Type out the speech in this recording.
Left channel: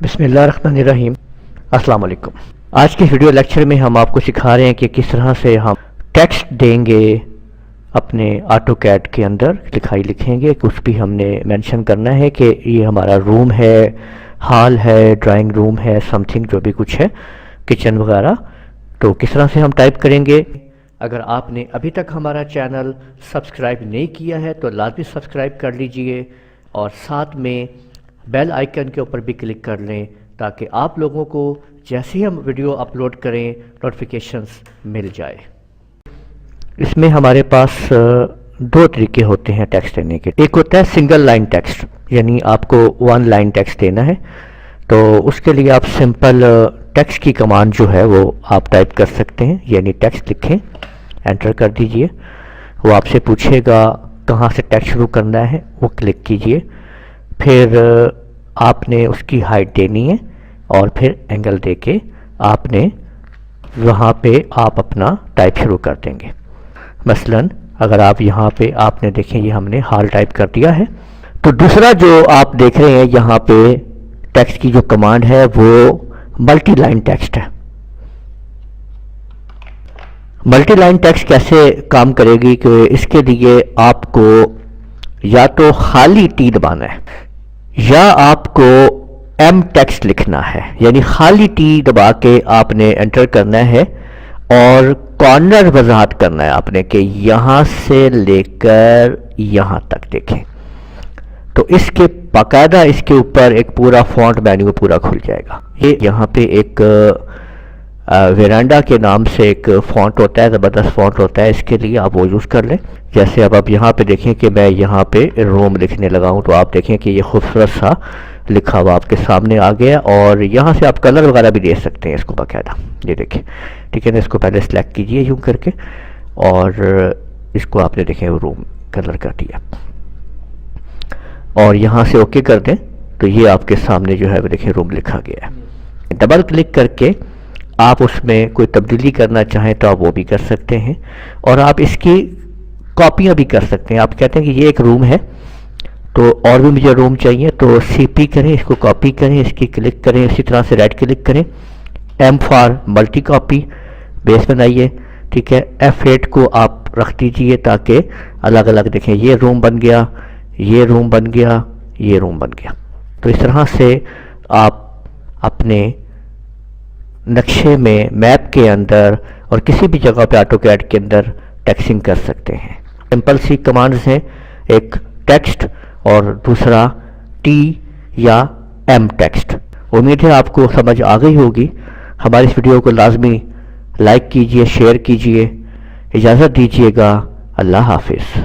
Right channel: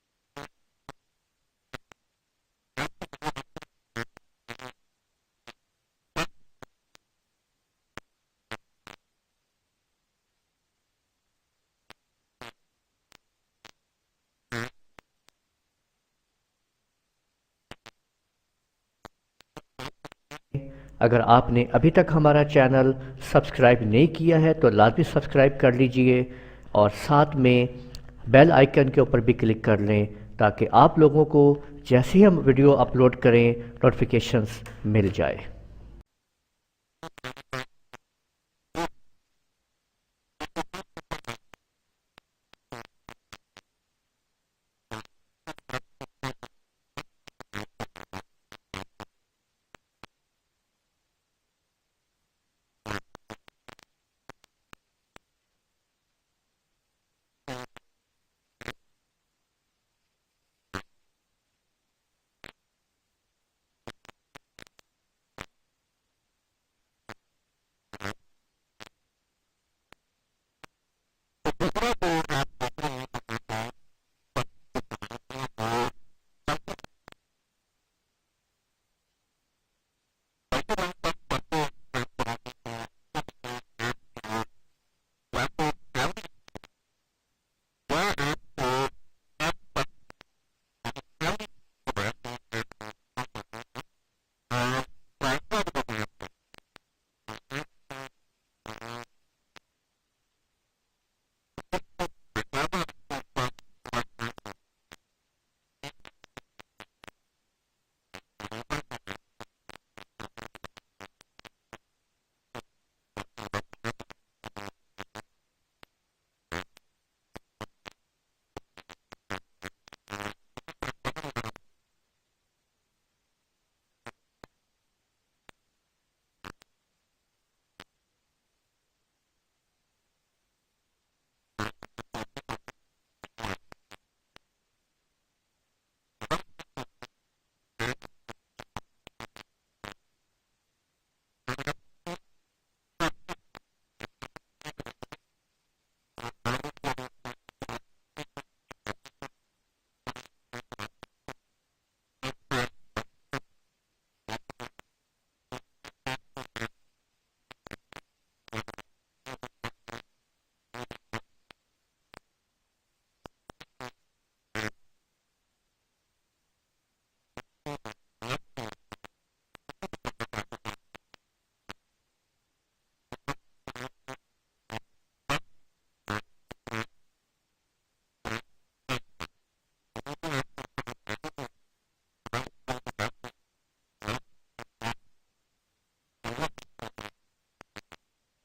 بسم اللہ الرحمن الرحیم۔ السلام علیکم۔ آج کے ویڈیو لیکچر میں ہم آپ کو سکھا رہے ہیں کہ کس طرح سے ہم ٹیکسٹ دیں گے اپنے آٹو کیڈ کے اندر، لکھائی لکھیں گے، کچھ بھی ہم نے مینشن کرنا ہے کہ یہ ہمارا روم ہے، ہال ہے، ڈرائنگ روم ہے، سم تھنگ جو بھی کچھ ہے، کچن وغیرہ، تو کس طرح سے ہم ٹائپ کریں گے۔ اگر آپ نے ابھی تک ہمارا چینل سبسکرائب نہیں کیا ہے تو لازمی سبسکرائب کر لیجئے اور ساتھ میں بیل آئیکن کے اوپر بھی کلک کر لیں تاکہ آپ لوگوں کو جیسے ہی ہم ویڈیو اپلوڈ کریں نوٹیفیکیشنز مل جائے۔ اس میں ہمارے پاس دو طریقے ہوتے ہیں ٹیکسٹ دینے کے۔ ایک ہوتا ہے سنگل لائن ٹیکسٹ، یعنی آپ کو ون لائن ٹیکسٹ دینا ہے، تو اس کے لیے آپ سمپل ٹیکسٹ کی کمانڈ جو ہے وہ آپ ٹائپ کر سکتے ہیں، یعنی ٹیکسٹ لکھیں، انٹر کر دیجئے، وہ آپ سے پوچھے گا کہاں سے ٹیکسٹ شروع کرنا ہے، وہ کلک کیجئے، پھر آپ نے اس کی ہائٹ دینی ہے اور پھر اینگل دے کے آپ نے وہاں پہ آپ اپنا ٹائپ شروع کر دیں گے۔ مثلا اگر آپ یہاں پہ آپ نے دیکھیں یہ ہم نے ہال ٹائپ کر دیا ہے، تو دوسرا جو آپ دیکھ رہے ہیں یہاں پہ ٹیکسٹ کی جو کمانڈ ہے وہ ملٹی لائن ٹیکسٹ ہے۔ ملٹی لائن ٹیکسٹ کیسے کام کرے گی کہ اس کے لیے آپ کو یا تو خالی ٹی دبانا ہے یا آپ کو ایم ٹیکسٹ لکھنا ہے، یعنی خالی ٹی دبا کے آپ نے انٹر کرنا ہے اور کارنر وضاحت کرنا ہے آپ نے کہ یہاں سے لے کر یہاں تک دیکھیں، تو اس کے باقاعدہ اس کے اوپر ایک پورا فونٹ مینیو پورا کھل جائے گا۔ یہ یہاں پہ ایک ویرانڈا کے نام سے ایک فونٹ ہوتا ہے، زبردست فونٹ ہوتا ہے، اس کے لیے آپ وہ یوز کر لیں۔ جیسے اب آپ یہاں پہ دیکھیں کہ میں یہاں پہ روم لکھنے لگا ہوں تو آپ دیکھیں کہ یہ خوبصورت سا لکھا ہوا آپ کے سامنے آ گیا، اور یہاں سے آپ کلر وغیرہ بھی دے سکتے ہیں اس کو باقاعدہ، یہ دیکھیں، ٹھیک ہے نا۔ اس کو پہلے سلیکٹ کیجئے یوں کر کے اور اس کو آپ نے دیکھیں روم کلر کر دیا اور یہاں سے اوکے کر دیں تو یہ آپ کے سامنے جو ہے وہ دیکھیں روم لکھا گیا ہے۔ ڈبل کلک کر کے آپ اس میں کوئی تبدیلی کرنا چاہیں تو آپ وہ بھی کر سکتے ہیں، اور آپ اس کی کاپیاں بھی کر سکتے ہیں۔ آپ کہتے ہیں کہ یہ ایک روم ہے تو اور بھی مجھے روم چاہیے، تو سی پی کریں، اس کو کاپی کریں، اس کی کلک کریں، اسی طرح سے رائٹ کلک کریں، ایم فار ملٹی کاپی بیس بنائیے، ٹھیک ہے۔ F8 کو آپ رکھ دیجئے تاکہ الگ الگ دیکھیں، یہ روم بن گیا، یہ روم بن گیا، یہ روم بن گیا۔ تو اس طرح سے آپ اپنے نقشے میں، میپ کے اندر اور کسی بھی جگہ پہ آٹو کیڈ کے اندر ٹیکسنگ کر سکتے ہیں۔ سمپل سی کمانڈز ہیں، ایک ٹیکسٹ اور دوسرا ٹی یا ایم ٹیکسٹ۔ امید ہے آپ کو سمجھ آ گئی ہوگی۔ ہماری اس ویڈیو کو لازمی لائک کیجئے، شیئر کیجئے، اجازت دیجئے گا، اللہ حافظ۔